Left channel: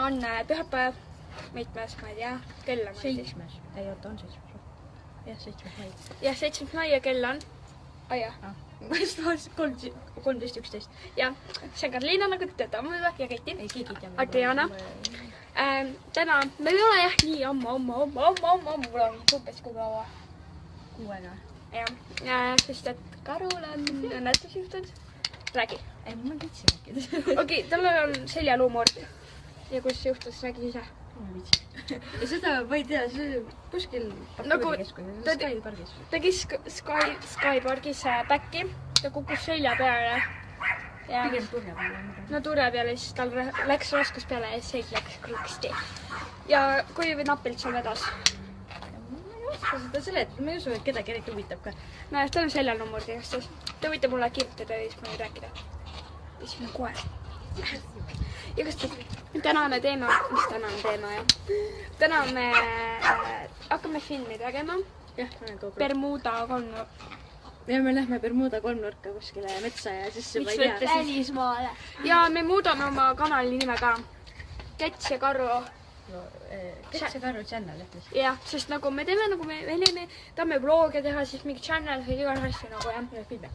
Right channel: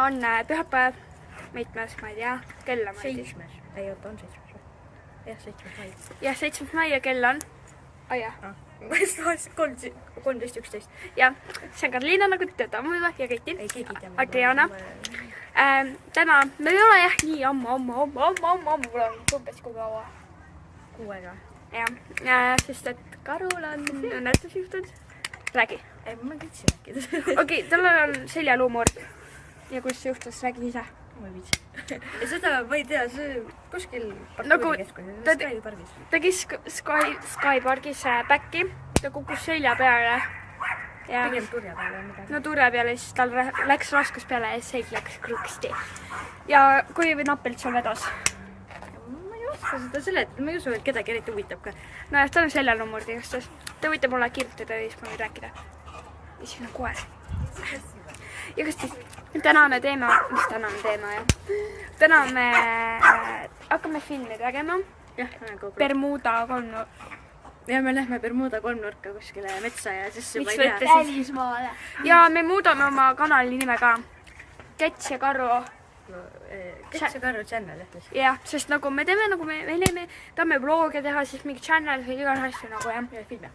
täna on pühapäev, mitmes, ma ei tea, kell on. 7. Ei, oota, on 7. Jah, 7. mai. Jah, 7. mai ja kell on. Jah. 13.11. Jah, see on Karliina, nagu te teate ammu juba ja Keiti. Ei, keegi ei tea. Adriana. Täna, me ei ole jah nii ammu, umbes kui kaua. 6 aega. Jah, sest et Karul on õnnetus juhtunud. Räägi. Ei, ma võtsin rääkida. Okei, tal on seljaluumur. Ja kus juhtus, räägi ise. Ma ei viitsi. Ja seda ma ei tea, see kuskil parkuurikeskuses. Ta tegi Skyparkis päkki, ta kukkus selja peale. Pigem turja peale midagi. No turja peale, siis tal läks raskus peale ja selg läks krõksti. Ja kui nappelt seal vedas. Ma ei oska seda seletada, ma ei usu, et kedagi eriti huvitab ka. No jah, tal on seljaluumur tegastas. Ta võitab mulle kirjutada ja siis ma võin rääkida. Ja siin on koer. Ja kas siis tänane teema, mis tänane teema jah? Täna me hakkame filmi tegema. Jah, Bermuda kolmnurk. Ja me lähme Bermuda kolmnurka kuskile metsa ja siis ma ei tea. Välismaale. Ja me muudame oma kanali nime ka. Käts ja Karu. Käts ja Karu channel. Jah, sest nagu me teeme, nagu me tahame vlogge teha, siis mingi channel või igas asju nagu jah. Ja filme.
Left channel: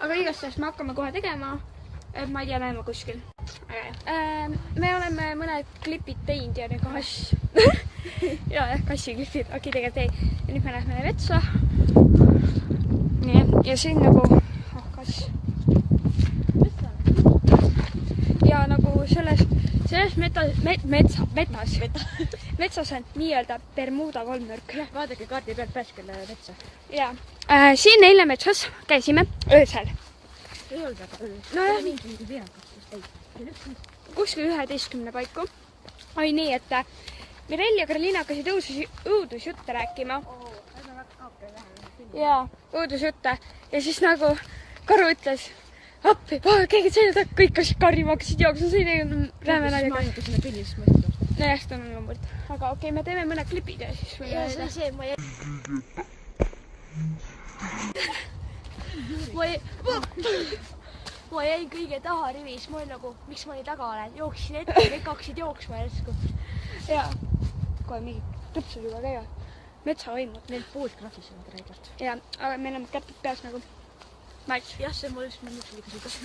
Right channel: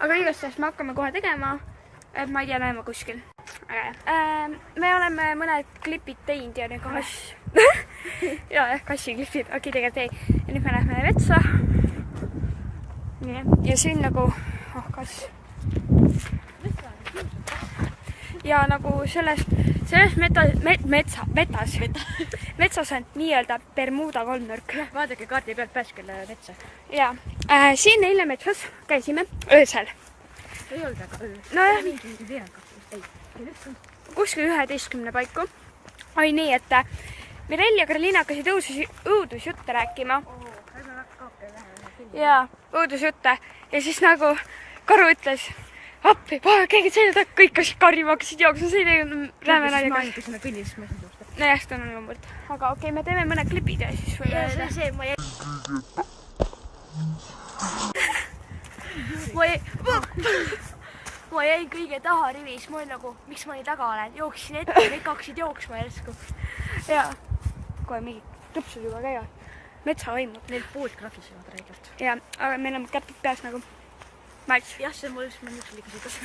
Aga igast me hakkame kohe tegema. Ma ei tea, näeme kuskil. Me oleme mõned klipid teinud ja nagu jah, kassiklipid. Okei, tegelikult ei. Ja nüüd me lähme metsa. Nii, ja siin nagu kas ja nagu selles metsas on nii-öelda Bermuda kolmnurk. Vaadake kaardi pealt pääskele metsa. Ja siin eile metsas käisime öösel. Ei olnud väga öö. No kuskil 11 paiku. Oli nii, et Mirel ja Karliina hakkasid õudusjutte rääkima. Ja õudusjutte. Ja siis nagu Karu ütles, appi, keegi selja taga, kõik kassid karjuma, hakkasid jooksma, see ei rääme naljaga. No jah, seda on loomulikult. Aga okei, me teeme mõned klipid ja siis võime öelda. See ma Ma jäin kõige taha rivis, ma olin nagu, miks ma nii taga olen, jooksin ette, kõik hakkasid jooksma järsku. Ja kohe mingi tupsud juba käivad. Metsavõimud. Neil poolt krahvisevad räigelt. Ja, aga meil on käpid peas nagu mats. Jah, see mul üks mõnus liiga südasid.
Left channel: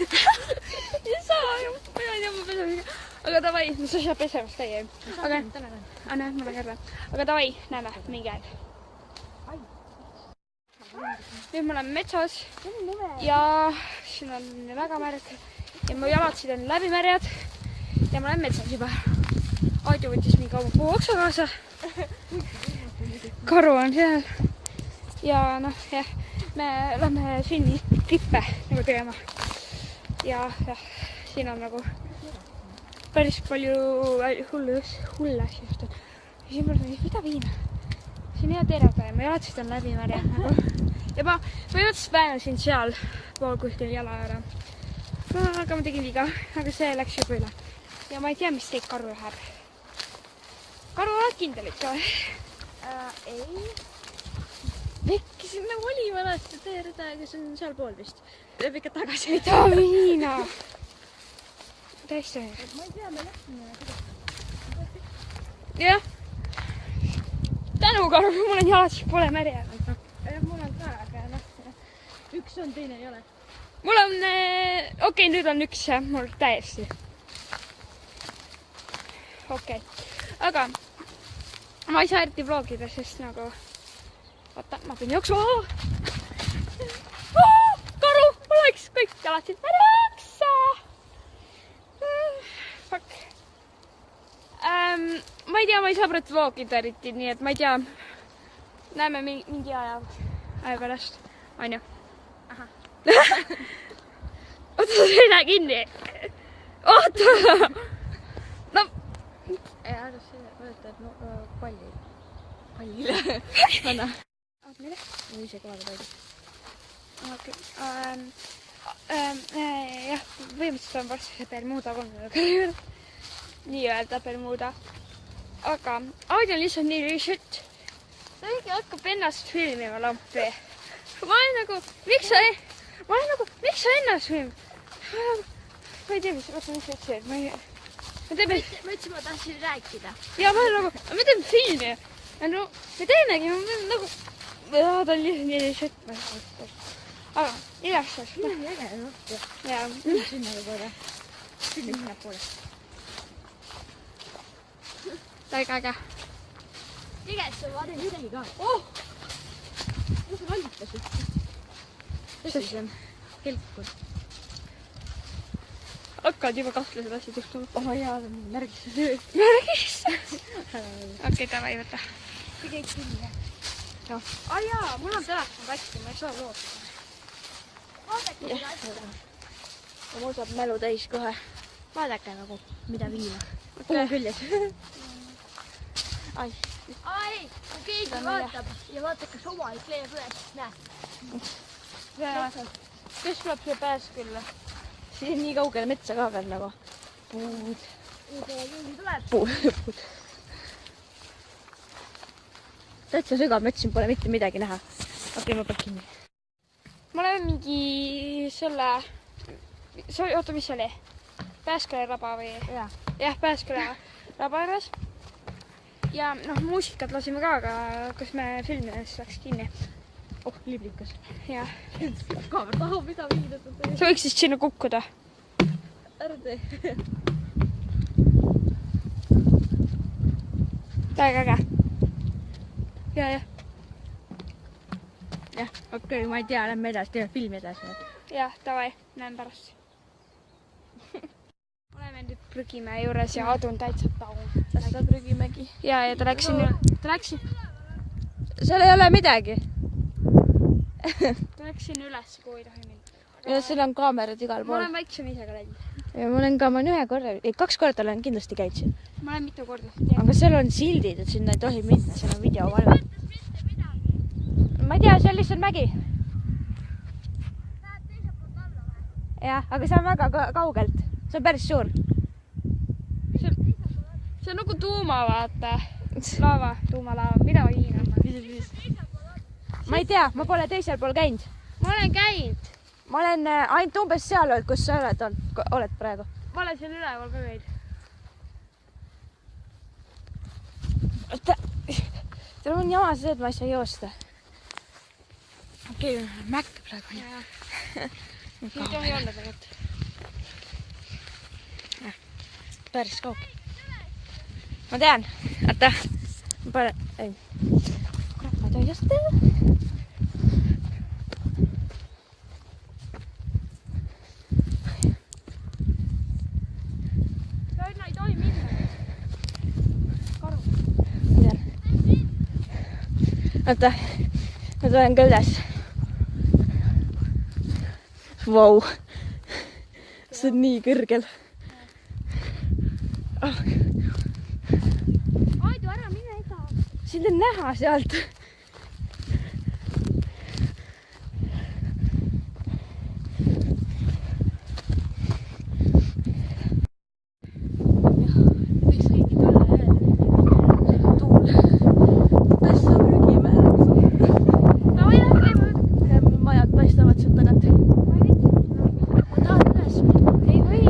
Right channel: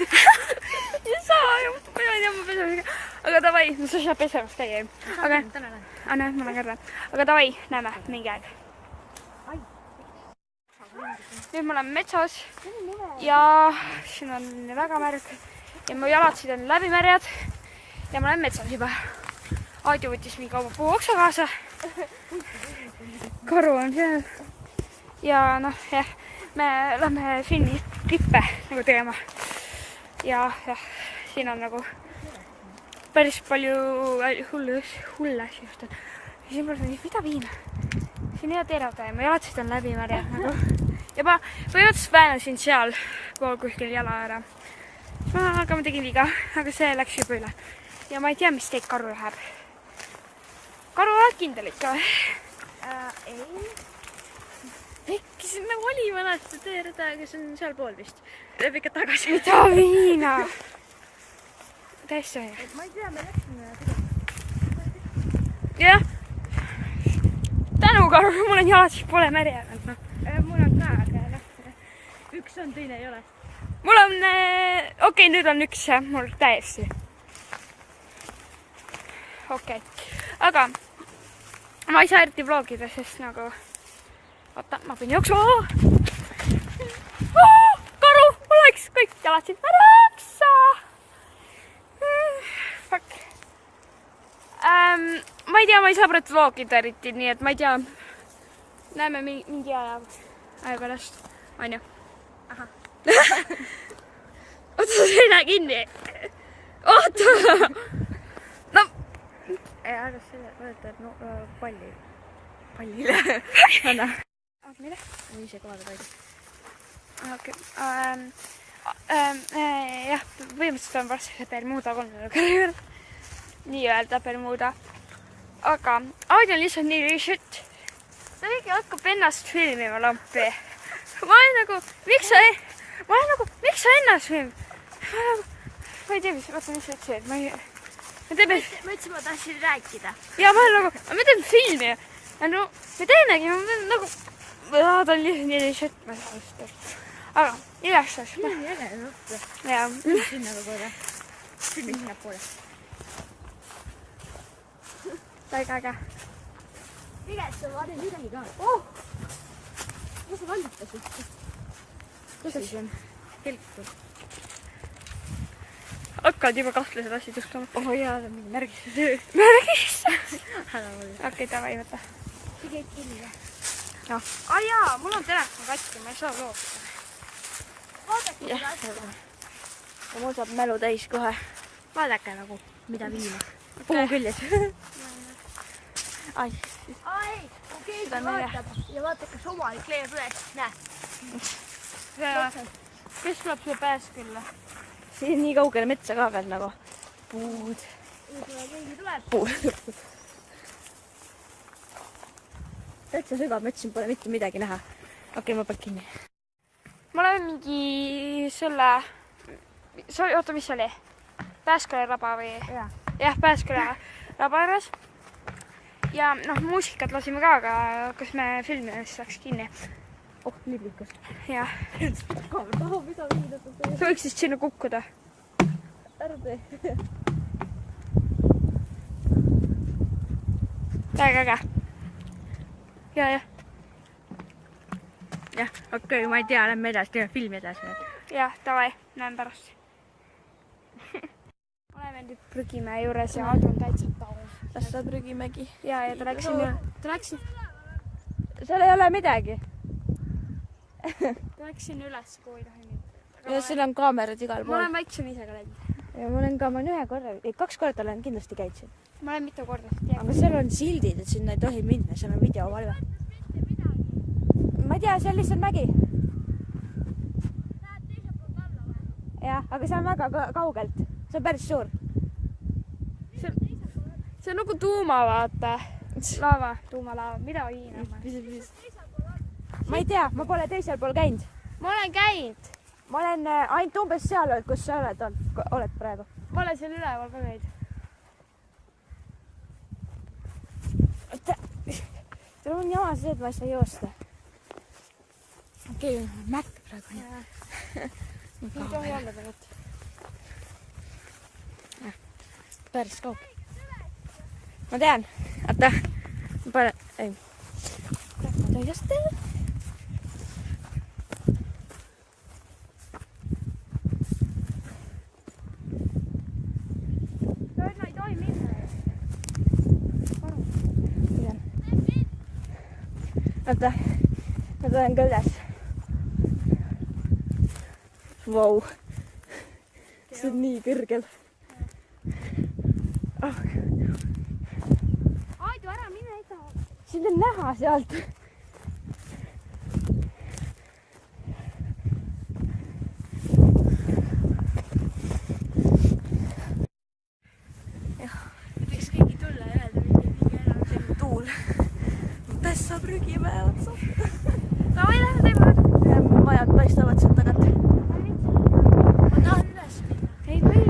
Ja saa, ma ei tea, ma pesamisega. Aga davai, no sa ei saa pesemas käia. Aga näe, ma lähen järve. Aga davai, näeme mingi aeg. Nüüd me oleme metsas ja siin on väga märg ja mu jalatsid on läbimärjad ja ma olen metsas juba. Aadu võttis mingi oma puuoksa kaasa. Karu on seal ja noh, jah, me lähme filmi klippe nagu tegema. Ja siin on nagu päris palju hulle asju juhtunud. Ja siin pole mida viina. Siin ei ole terada ja mu jalatsid on läbimärjad nagu. Ja ma põhimõtteliselt väänasin seal pool kuskil jala ära. Aga ma tegin viga, aga see läks juba üle. Ja ma ei tea, mis teid Karu läheb. Karu oled kindel ikka või? Ei. Vekki siin nagu oli vanasti teerida, aga see on seal pool vist. Läheb ikka tagasi. Mida viina? Täiesti aja. Ma ei tea, me läksime. Jah. Tänu Karu, mul on jalad, siis pole märjanud. Mul on ka, aga üks on, teine ei ole. Mul on, okei, nüüd on üks mul täiesti. Okei, aga ma ei saa eriti vlogida, sest nagu, oota, ma pean jooksma. Karu, mul läks kõik jalatsid märjaksa. Fuck. Ma ei tea, ma ei saa praegu vlogida eriti, nii et ma ei tea. Näeme mingi aja pärast, on ju? Aha. Oota, sa ei näe kinni. Oota! No. Ja, aga see võetab pallile. Anna. Oot, mille? Ma ise kohale paidi. Okei. Jah, põhimõtteliselt on varsti see Bermuda kolmnurk. Nii-öelda Bermuda. Aga Audi on lihtsalt nii lihtsalt. Ta kõige hakkab ennast filmima lampi. Ma olen nagu, miks sa ennast film? Ma ei tea, mis sa ütlesid. me teeme... Ma ütlesin, ma tahtsin rääkida. Ja ma nagu, me teeme filmi ja no me teemegi, nagu... Ta on lihtsalt nii šett, ma ei saa seda. Aga igaks asjast. Nii äge, noh. Ja. Sinna ka korra. Sinna poole. Väga äge. Igaks on vaata. Midagi ka. Oh! Kus see valmitas üldse? Kus see on? Helku. Hakkad juba kahtlased asjad juhtuma. Oh jaa, see on mingi märgis. Märgis? Ära ole. Okei, davai, võta. See käib kinni või? Jah. Jaa, mul on telefon katki, ma ei saa loobida. Vaadake Jah, seda asja. ja mul saab mälu täis kohe. Vaadake nagu, mida viima. Puu küljes. Ai. Ai, kui keegi vaatab ja vaatab, kas omalik leiab üles, näe. Kes tuleb siia pääskülla? Siin nii kaugele metsa ka veel nagu. Puud. Keegi tuleb. Puud. Täitsa sügav mets, siin pole mitte midagi näha. Okei, ma panen kinni. Ma olen mingi selle... Oota, mis oli? Pääsküla raba või? Jah, Pääsküla raba juures. Ja noh, muusikat lasime ka, aga kas me filmides läks kinni. Oh, liblikas. Jah. Kaamera tahab mida viida. Sa võiks siis sinna kukkuda. Ära tee. Väga äge. Ja. Jah, okei, ma ei tea, lähme edasi, teeme filmi edasi. Jah, davai, näen pärast. Oleme nüüd Prügimäe juures ja Adu on täitsa taun. Las ta Prügimägi. Ja ta läks Seal ei ole midagi. Ta läks sinna üles, kui ei tohi minna. Ja seal on kaamerad igal Ma pool. olen väiksem ise ka läinud. Ja ma olen ka, ma olen 1 korra, 2 korda olen kindlasti käinud siin. Ma olen mitu korda. Aga seal on sildid, et sinna ei tohi minna, seal on videovalve. Ma ei tea, see on lihtsalt mägi. Läheb teiselt poolt alla või? Jah, aga see on väga kaugelt. See on päris suur. See on nagu tuuma, vaata. Laava, tuumalaava, mida Hiina? Ma ei tea, ma pole teisel pool käinud. Ma olen käinud. Ma olen ainult umbes seal, kus sa oled praegu. Ma olen seal üleval ka käinud. Teil on jama see, et ma ei saa joosta. Okei, mäkk praegu. Siin tohi olla tegelikult. Päris kaugel. Ma tean. Oota. Ma panen... Ei. Ma tean, kas teha. Toina ei tohi minna. Karu. Mida? Oota. Ma tulen ka üles. Vau. See on nii kõrgel. Oh. Aidu, ära mine ega. Sind on näha sealt. Jah, võiks keegi tulla ja öelda mingi tuul. Tässä on Prügimäe otsa. No või lähme. Majad paistavad sealt tagant. Ma tahan üles. Ei või.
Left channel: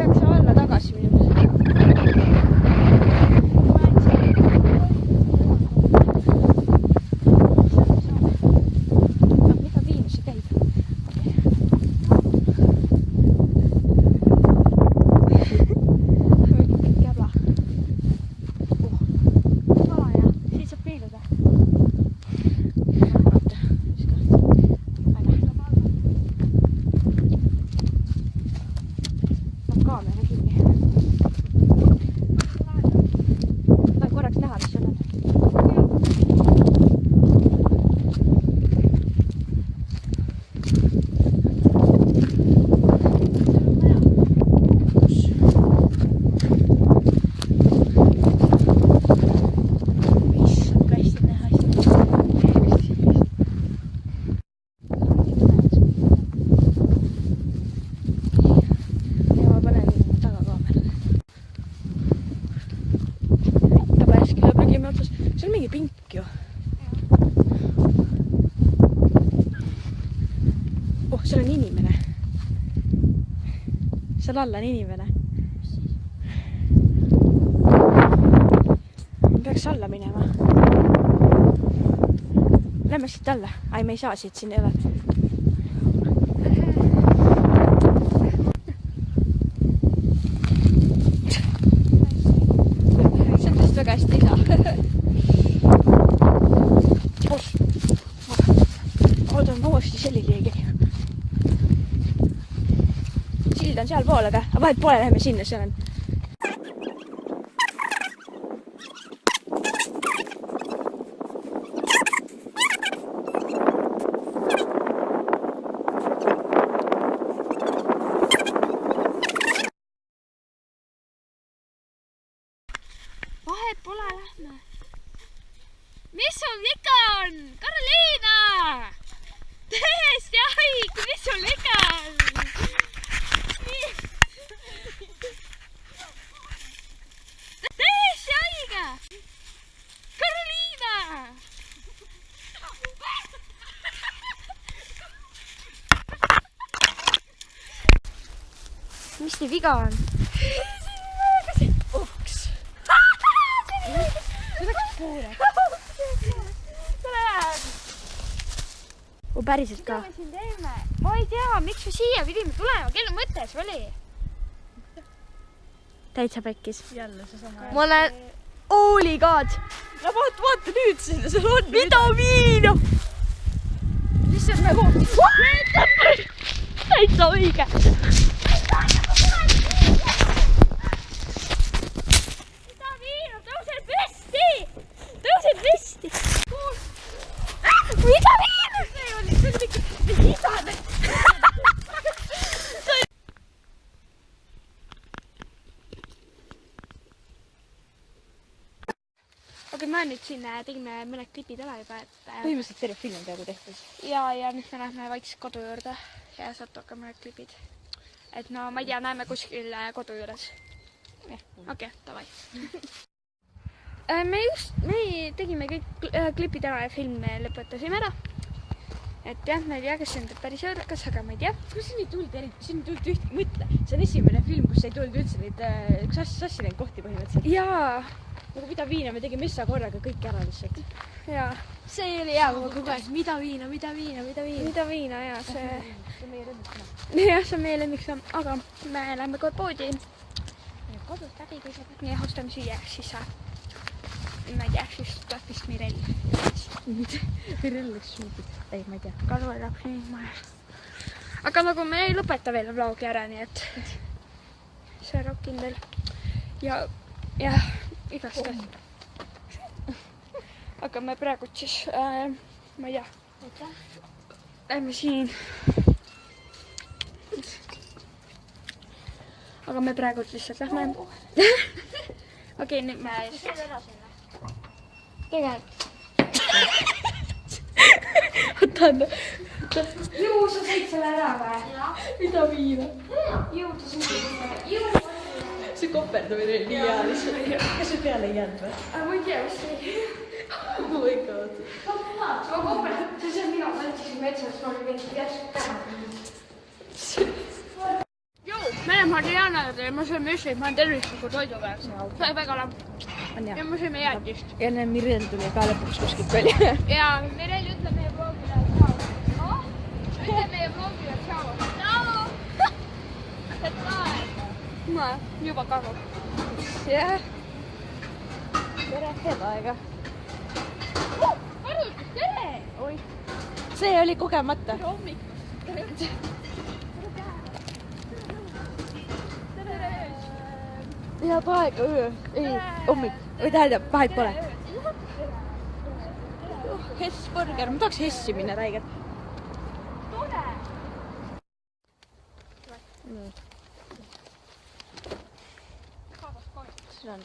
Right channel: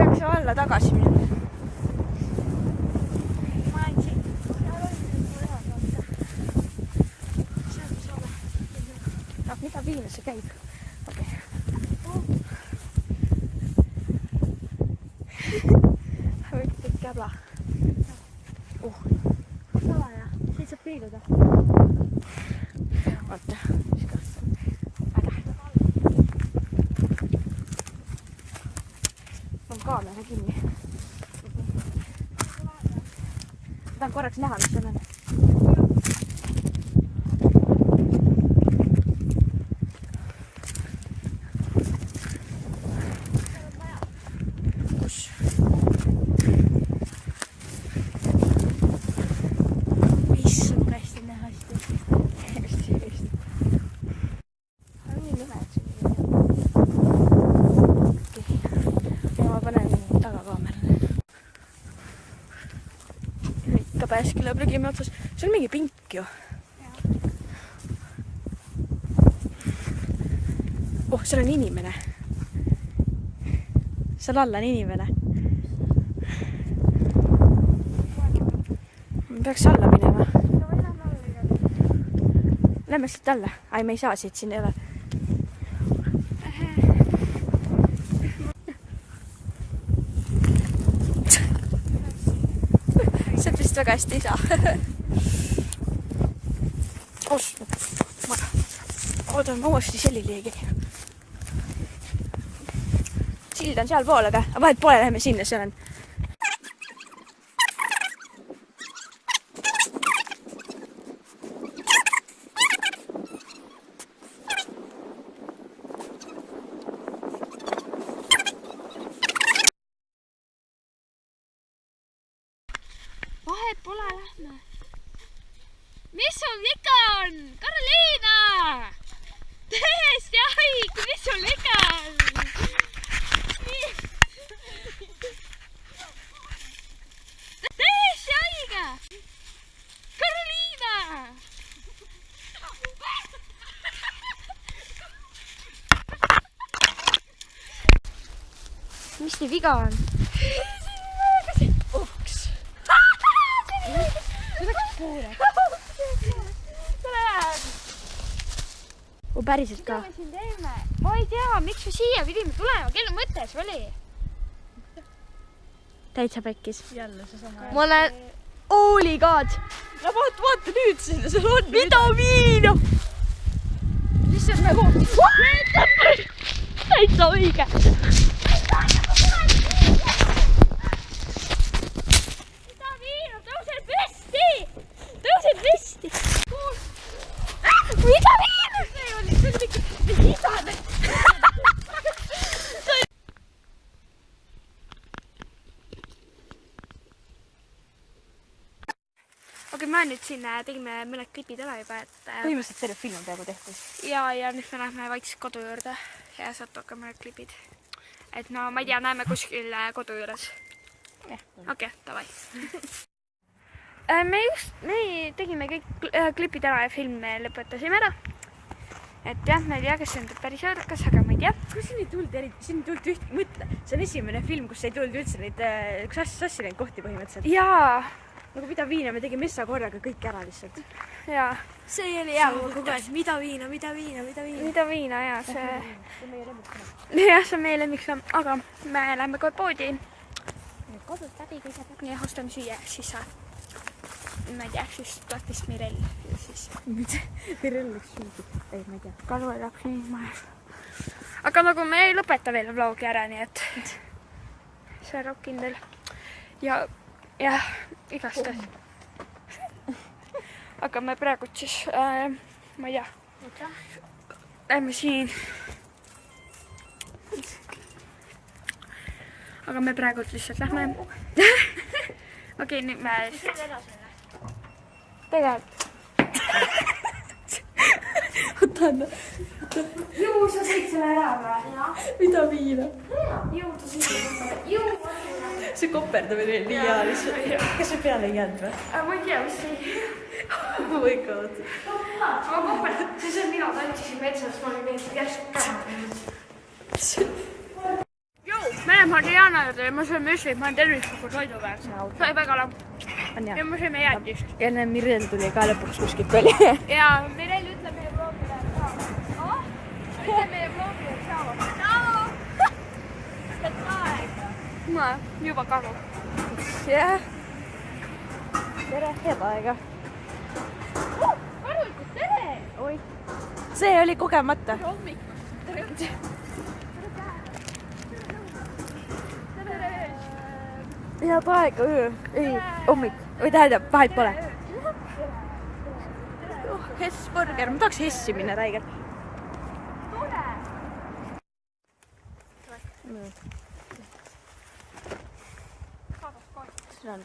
Peaks alla tagasi minema. Mida Viinus see käib? Okei. Väga käbla. Salaja. Siit saab pilduda. Vaata. Kaamera kinni. Tahan korraks näha, mis seal on. Issand, hästi näha asju. Ja ma panen tagakaamerale. Ka Pääsküla Prügimäe otsas. See on mingi pink ju. Oh, seal on inimene. Seal all on inimene. Peaks alla minema. Lähme siit alla. Ai, me ei saa siit, siin ei ole. See vist väga hästi ei saa. Oodan, ma uuesti selline keegi. Sild on seal pool, aga vahet pole, läheme sinna, seal on. Vahet pole, lähme. Mis sul viga on? Karoliina! Täiesti haige, mis sul viga on? Täiesti haige! Karoliina! Mis nii viga on? Uks. U päriselt ka? Mida me siin teeme? Ma ei tea, miks me siia pidime tulema, kelle mõte see oli? Täitsa pekkis. Jälle see sama. Ma olen... Holy god! No vaata nüüd sinna, seal on vitamiina! Mis see on nagu... Täitsa õige! Vitamiina, tõused püsti! Tõused püsti! Vitamiina! See oli mingi isane. Okei, me nüüd siin tegime mõned klipid ära juba, et Põhimõtteliselt terve film on peaaegu tehtud. ja nüüd me lähme vaikselt kodu juurde ja sealt hakkame mõned klipid. Et no ma ei tea, näeme kuskil kodu juures. Okei, davai. Me tegime kõik klipid ära ja film me lõpetasime ära. Et jah, ma ei tea, kas see on päris jõudukas, aga ma ei tea. Kus siin ei tulnud üht mõtle? See on esimene film, kus ei tulnud üldse neid sassi neid kohti põhimõtteliselt. Jaa, Nagu mida viina, me tegime messa korraga kõik ära lihtsalt. jaa. See oli hea, kui kogu aeg, mida viina. Mida viina, jaa, see... Jah, see on meie lemmiksamm, aga me lähme kohe poodi. Kodust läbi tõseb. Ja ostame süüa, siis ma ei tea, siis tuleb vist Mirel. Mirel läks šuudid. Ei, ma ei tea. Kalu ei tahaks nii majas. Aga nagu me ei lõpeta veel vlogi ära, nii et see on rokkindel. Ja igast asja. Aga me praegu siis, ma ei tea, lähme siin. Aga me praegu lihtsalt lähme. Okei, nüüd me tegelikult. Otan. Juu, sa sõid selle ära või? Mida viina? Juu, ta sõid selle ära. Juu! See koperdamine oli nii hea lihtsalt. Kas see peale ei jäänud või? Ma ei tea, mis see... Oh my god. Ma koperd, see on mina tantsisin metsas, ma olin veel järsku käe. Juu, me oleme Mariana juurde ja ma söön müslit, ma olen tervisliku toidu peal. See oli väga lamp. Ja ma sööme jäätist. Ja enne Mirel tuli ka lõpuks kuskilt oli. Ja Mirel, ütle meie vlogile tšao. Ütle meie vlogile tšao. Tšao! ma juba kalu. Jah. Tere, head aega. Arvutus, tere! Oi. See oli kogemata. Tere hommikust. Tere! Head aega, öö. Ei, hommik. Või tähendab, vahet pole. Hessburger, ma tahaks Hessi minna räigelt. Tule! Siin on...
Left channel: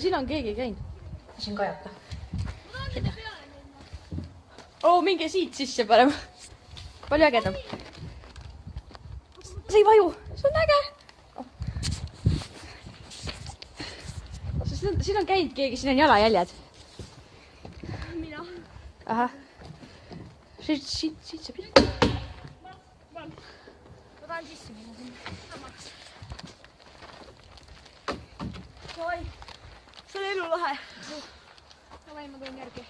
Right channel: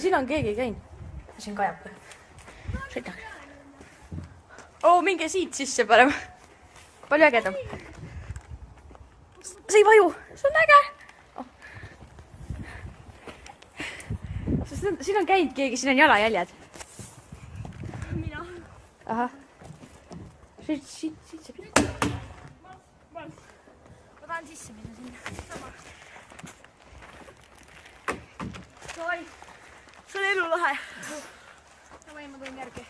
Siin on keegi käinud. Siin kajaka. Sinna. Minge siit sisse parem. Palju ägedam. See ei vaju. See on äge. siin on käinud keegi, siin on jalajäljed. mina. ahah. siit see pilt. Ma tahan sisse minna sinna. Samaks. Davai. See on elulahe. Davai, ma tulen järgi.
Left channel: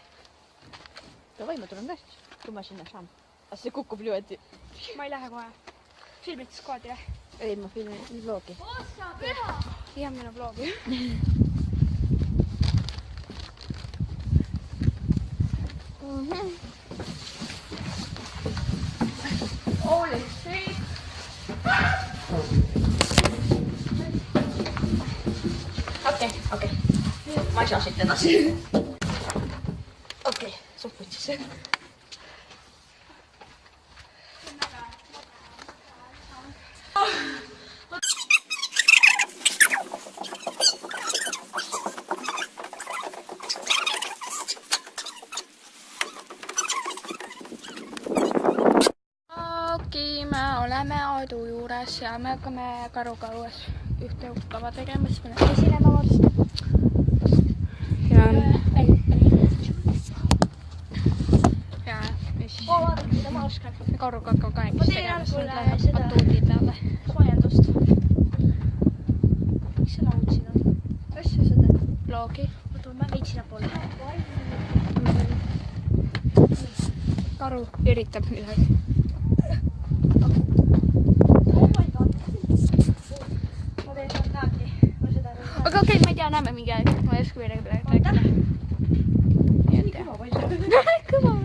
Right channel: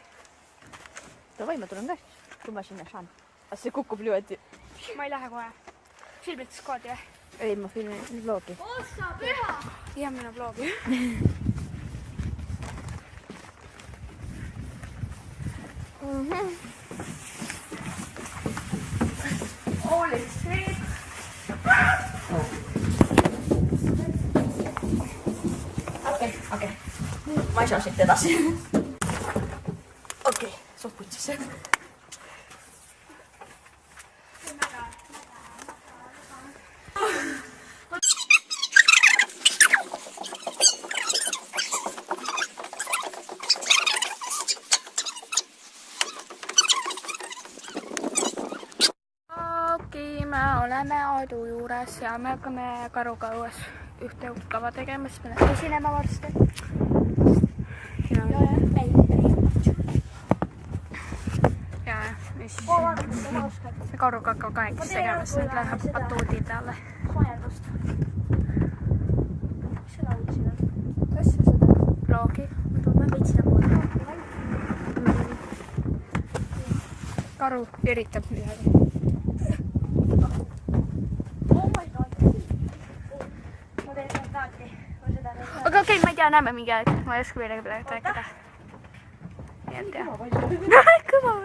Davai, ma tulen ka siis, kui ma sinna saan. Aga see kukub niimoodi. Ma ei lähe kohe. Filmitas koodi või? Ei, ma filmin vlogi. Ossa püha! Jah, minu vlogi. Holy shit! Okei. Ma ei saa siit edasi. Okei, suht putsis. Okei, me oleme Aadu juures ja me hakkame karuga õues ühte kava tegema, siis me esinema varsti. Ja mis karuga hakkab kahekesi tegema, siis nüüd läheb batuudi peale. Soojendust. Miks sa laulsid? Kas sa seda? Vlogi. Ma veitsin poole. Karu üritab midagi. Oh my god. Ma teen spontaanti. Aga okei, ma ei tea, näeme mingi aeg. Ma ei oska midagi rääkida. Nii et jah. Kõva